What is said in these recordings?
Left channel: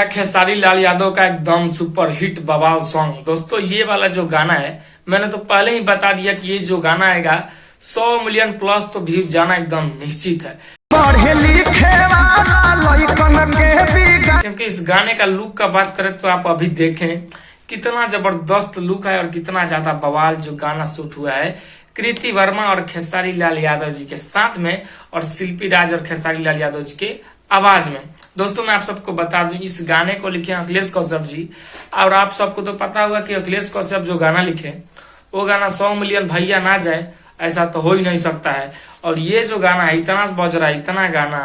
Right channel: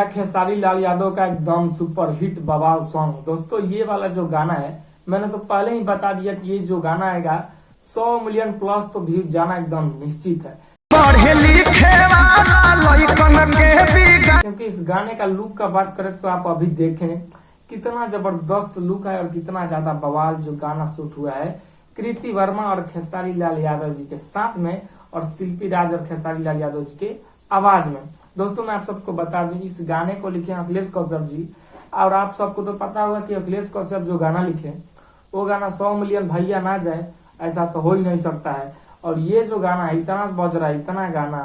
गया खेसारी लाल यादव का एकदम सुपर हिट बवाल सॉन्ग। दोस्तों ये वाला जो गाना है मैंने तो पहले ही बता दिया कि ये जो गाना आएगा 100 मिलियन प्लस तो व्यूज जाना एकदम निश्चित है, क्योंकि इस गाने का लुक का बात करें तो आप अभी देखें कितना जबरदस्त लुक है और कितना ज्यादा बवाल जो गाना शूट हुआ है कृति वर्मा और खेसारी लाल यादव जी के साथ में और शिल्पी राज और खेसारी लाल यादव जी के आवाज में। दोस्तों मैं आप सबको बता दूं इस गाने को लिखे अखिलेश कौशिक जी, और आप सबको तो पता होगा कि अखिलेश कौशिक जो गाना लिखे वो गाना 100 मिलियन भैया ना जाए ऐसा तो हो ही नहीं सकता है। और ये जो गाना है इतना बज रहा है, इतना गाना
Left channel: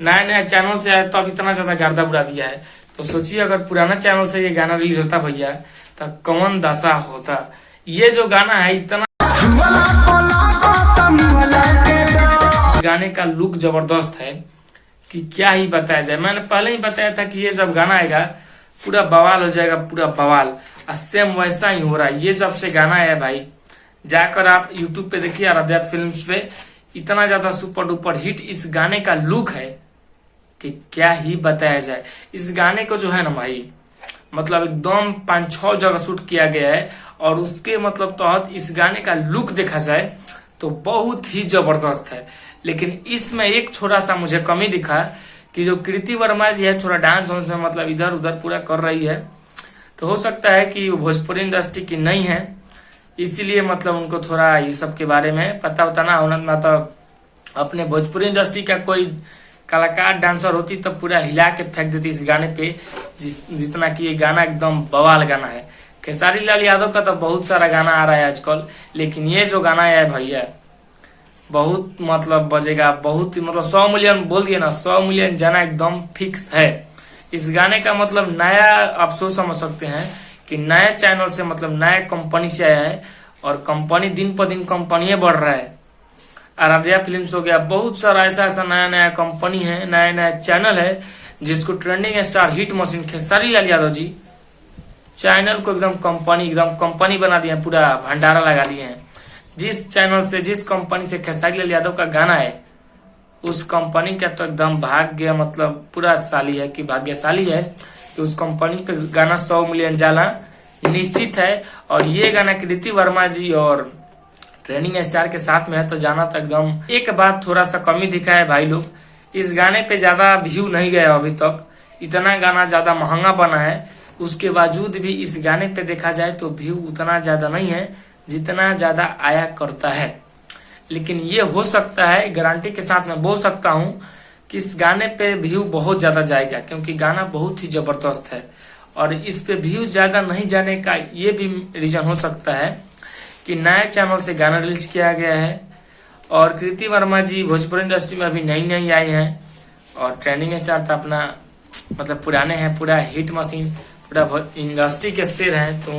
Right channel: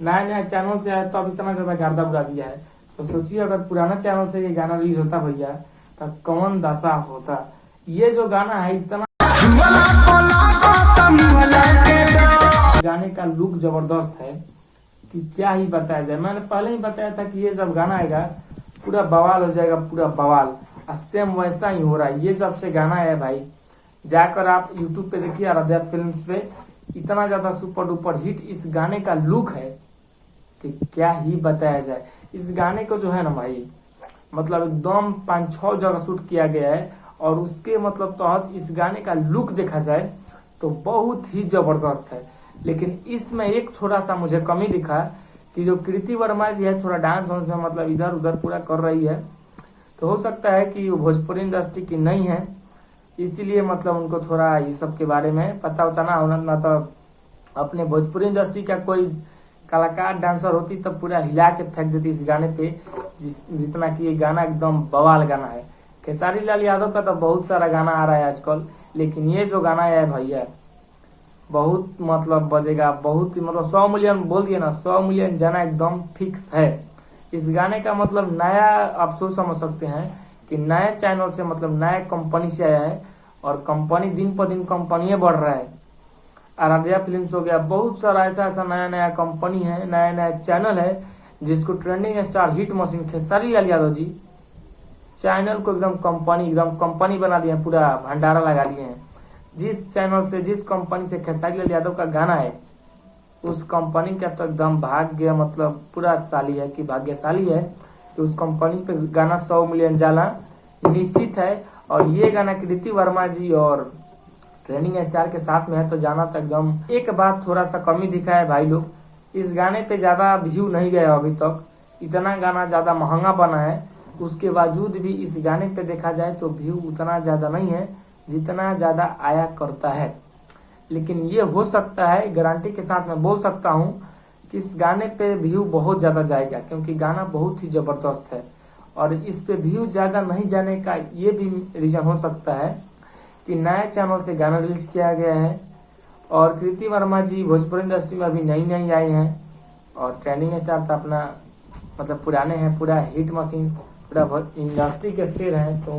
नया नया चैनल से आया तो अब इतना ज्यादा गर्दा बुरा दिया है, तो सोचिए अगर पुराना चैनल से ये गाना रिलीज होता भैया तो कौन दशा होता। ये जो गाना है इतना गाने का लुक जबरदस्त है कि क्या ही बताया जाए। मैंने पहले ही बताया था कि ये जब गाना आएगा पूरा बवाल हो जाएगा, पूरा बवाल। सेम वैसा ही हो रहा है। ये जब से गाना आया भाई जाकर आप YouTube पे देखिए आराध्या फिल्म्स पे, इतना ज्यादा सुपर डुपर हिट इस गाने का लुक है कि क्या ही बताया जाए। इस गाने को जो है ना भाई मतलब एकदम 5-6 जगह शूट किया गया है और उसके मतलब तहत इस गाने का लुक देखा जाए तो बहुत ही जबरदस्त है। लेकिन इसमें एक थोड़ा सा मुझे कमी दिखा कि जो कृति वर्मा जी है थोड़ा डांस वांस में मतलब इधर उधर पूरा कर रही है, तो हो सकता है कि वो भोजपुरी इंडस्ट्री की नहीं है इसीलिए मतलब उनको थोड़ा ये सब के बारे में पता होता ना होना, ना तो अपने भोजपुरी इंडस्ट्री का कोई कलाकार डांसर होती तो पूरा हिला के फेंक देती इस गाने पे, जितना कि ये गाना एकदम बवाल गाना है। खेसारी लाल यादव का तो बहुत सारा गाना आ रहा है आजकल, लेकिन ये जो गाना है भैया बहुत मतलब बजेगा, बहुत मतलब 100 मिलियन बोल दिए ना, 100 मिलियन जाना एकदम फिक्स है। इस गाने का मतलब नया आप सोच समझ सकते हैं कि नया चैनल से मतलब नया कंपनी से आया है और कंपनी दिन पर दिन कंपनी बढ़ रहा है। आराध्या फिल्म्स हो गया, बहुत सारा ऐसा ऐसा नया नया कंपनी है, नया नया चैनल है जिसको trending star hit machine Khesari Lal Yadav ji channel को एकदम कंपनी बना दिए, पूरा भंडारा लगा दिए हैं। जिस चैनल से जिस कंपनी से खेसारी लाल यादव का गाना है उस कंपनी का तो एकदम भाग्य मतलब पूरा साली है कि भाग्यशाली है कि उस कंपनी पे गाना 100 मिलियन जाना निश्चित है। और ये गाना कृति वर्मा जी और ट्रेंडिंग स्टार के साथ में है तो जाना तो एकदम। एक बात थोड़ा सा कमी दिखा है भाई लोग, इस गाने पे ज्यादा व्यू नहीं गया अभी तक, इतना गाना ज्यादा महंगा बना है उसके बावजूद भी इस गाने पे देखा जाए तो व्यू उतना ज्यादा नहीं है जितना ज्यादा आया करता है। लेकिन ये हो सकता है, गारंटी के साथ मैं बोल सकता हूँ कि इस गाने पे व्यू बहुत ज्यादा जाएगा क्योंकि गाना बहुत ही जबरदस्त है। और इस पे व्यू ज्यादा नहीं जाने का ये भी रीजन हो सकता है कि नए चैनल से गाना रिलीज किया गया है और कृति वर्मा जी भोजपुरी इंडस्ट्री में अभी नई आई हैं और ट्रेंडिंग स्टार तो अपना मतलब पुराने हैं, पूरा हिट मशीन, पूरा इंडस्ट्री के शेर हैं, तो